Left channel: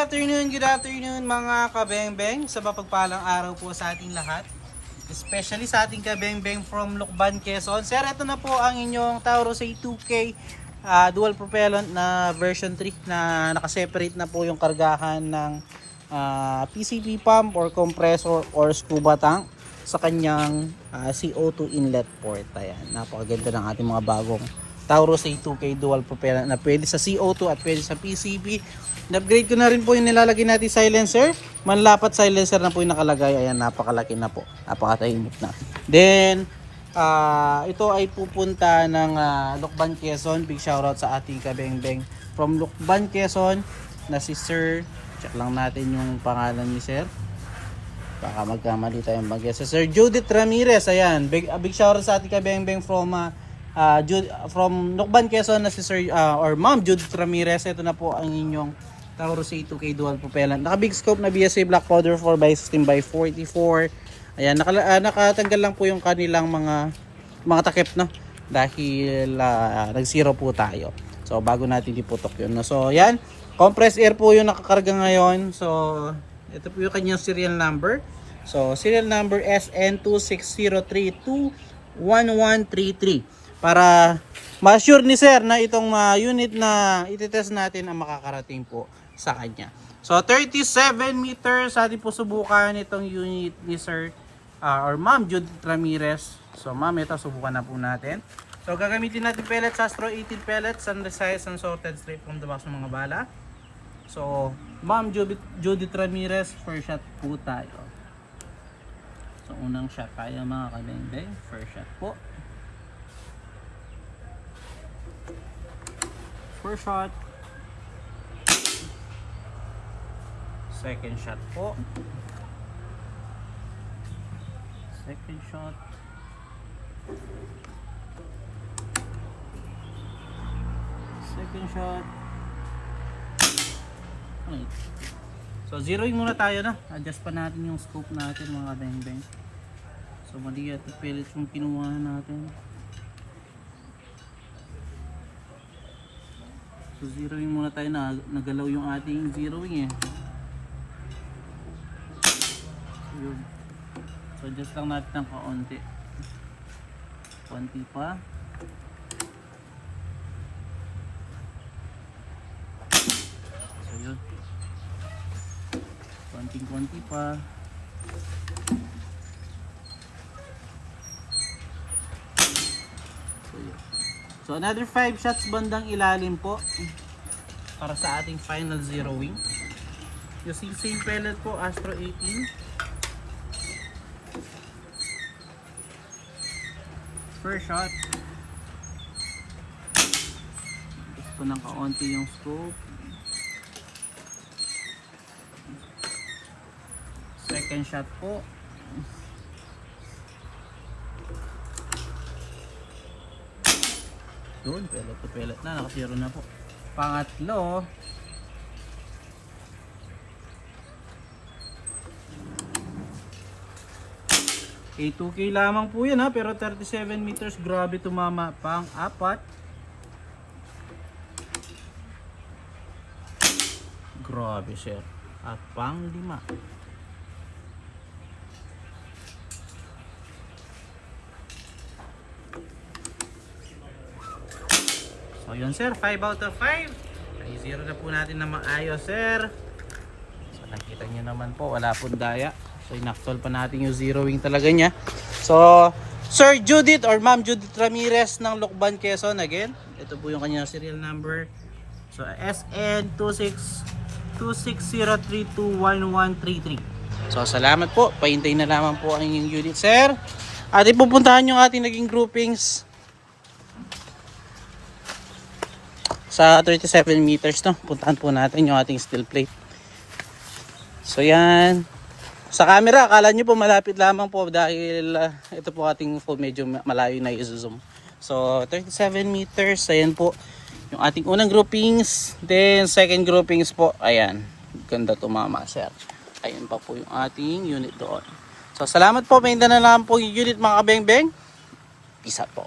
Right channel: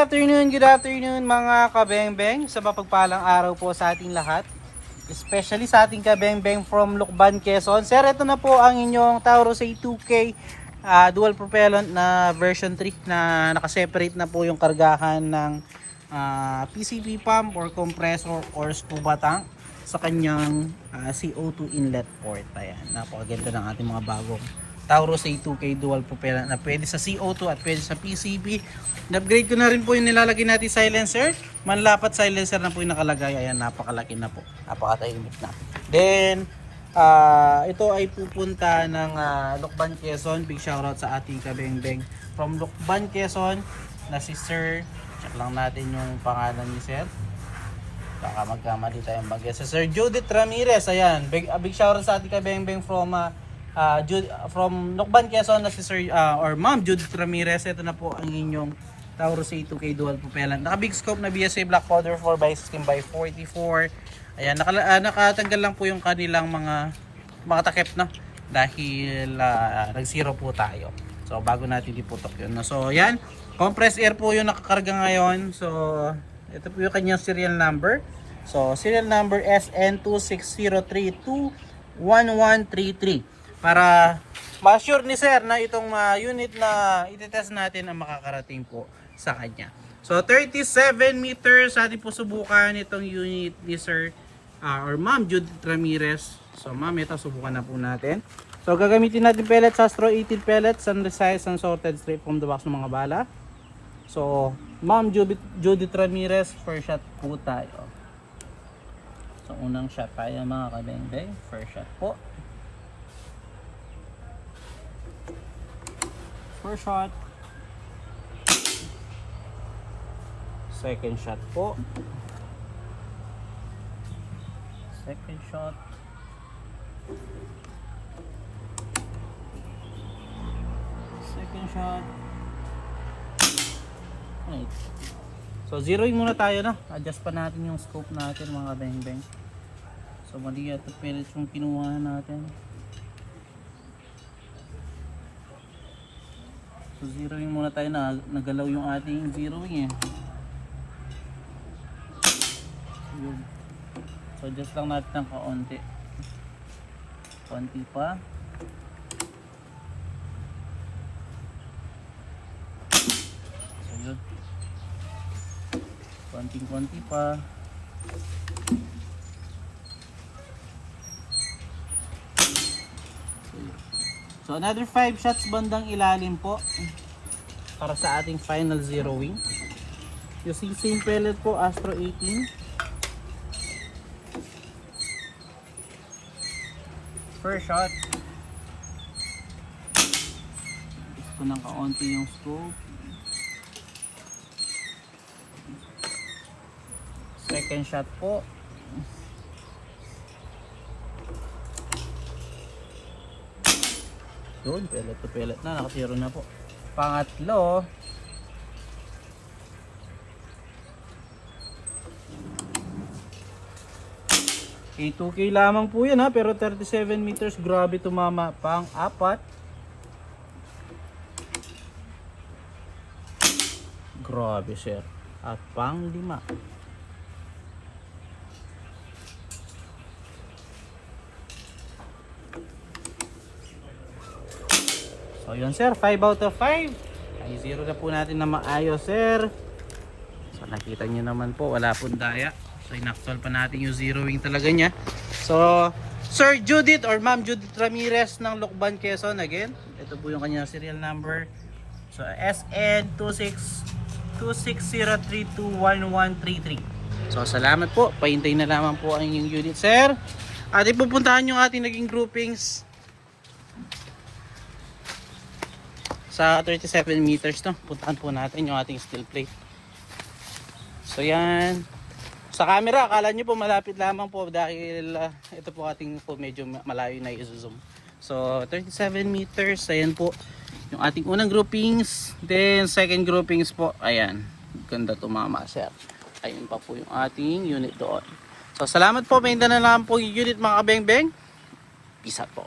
good afternoon mga kabengbeng. Sa mapagpalang araw po sa ating lahat. Especially sa ating kabengbeng from Lucban, Quezon. Sir, ito na po ang inyong Taurus A2K dual propellant na version 3 na nakaseparate na po yung kargahan ng PCP pump or compressor or scuba tank sa kanyang CO2 inlet port. Ayan, napakaganda ng ating mga bagong Taurus A2K dual propellant na pwede sa CO2 at pwede sa PCP. Na-upgrade ko na rin po yung nilalagay natin silencer. Manlapat silencer na po yung nakalagay. Ayan, napakalaki na po. Napakatahimik na. Then, ito ay pupunta ng Lucban, Quezon. Big shoutout sa ating kabengbeng from Lucban, Quezon na si Sir. Check lang natin yung pangalan ni Sir. Baka magkamali tayo mag-guess. Si Sir Judith Ramirez. Ayan, big shoutout sa ating kabengbeng from Lucban, Quezon na si Sir or Ma'am Judith Ramirez. Ito na po ang inyong Taurus A2K dual propellant. Naka big scope na BSA Black Powder 4x16x44. Ayan, nakatanggal lang po yung kanilang mga takip, no? Dahil nag-zero po tayo. So bago natin iputok yun, no? So ayan, compressed air po yung nakakarga ngayon. So ito po yung kanyang serial number. So serial number SN260321133. Para ma-assure ni Sir na itong unit na ititest natin ang makakarating po sa kanya. So 37 meters atin po subukan itong unit ni Sir or Ma'am Judith Ramirez. So ma'am, ito subukan na po natin. So gagamitin natin pellets, Astro 18 pellets, and resize and sorted straight from the box ng mga bala. So Ma'am Judith Ramirez, first shot po tayo. So unang shot tayo mga kabengbeng, first shot po. First shot. Second shot po. Second shot. Second shot. Okay. So zeroing muna tayo, na. Adjust pa natin yung scope natin mga bengbeng. So mali ito pellet yung kinuha natin. So zeroing muna tayo, na nagalaw yung ating zeroing eh. So, yun. So adjust lang natin ng kaunti. Konti pa. So yun. Konting-konti pa. So yun. So another 5 shots bandang ilalim po para sa ating final zeroing. Using same pellet po, Astro 18. First shot. Gusto ng kaunti yung scope. Second shot po. Yun, pellet to pellet na, nakasiro na po. Pangatlo, A2K lamang po yan, ha, pero 37 meters, grabe tumama. Pang-apat, grabe sir. At pang-lima, so yun sir, 5 out of 5. Ay zero na po natin na maayos sir. So nakita nyo naman po, wala pong daya. So inaktol pa natin yung zeroing talaga niya. So Sir Judith or Ma'am Judith Ramirez ng Lucban, Quezon, again, ito po yung kanyang serial number. So SN260321133. So salamat po, pahintayin na lamang po ang inyong unit sir. At ipupuntahan yung ating naging groupings sa 37 meters, no? Puntahan po natin yung ating steel plate. So yan. Sa camera, akala nyo po malapit lamang po dahil ito po ating po medyo malayo na i-zoom. So 37 meters, ayan po yung ating unang groupings. Then second groupings po, ayan. Ganda tumama sir. Ayan pa po yung ating unit doon. So salamat po, mainda na lang po yung unit mga kabengbeng. Peace out po.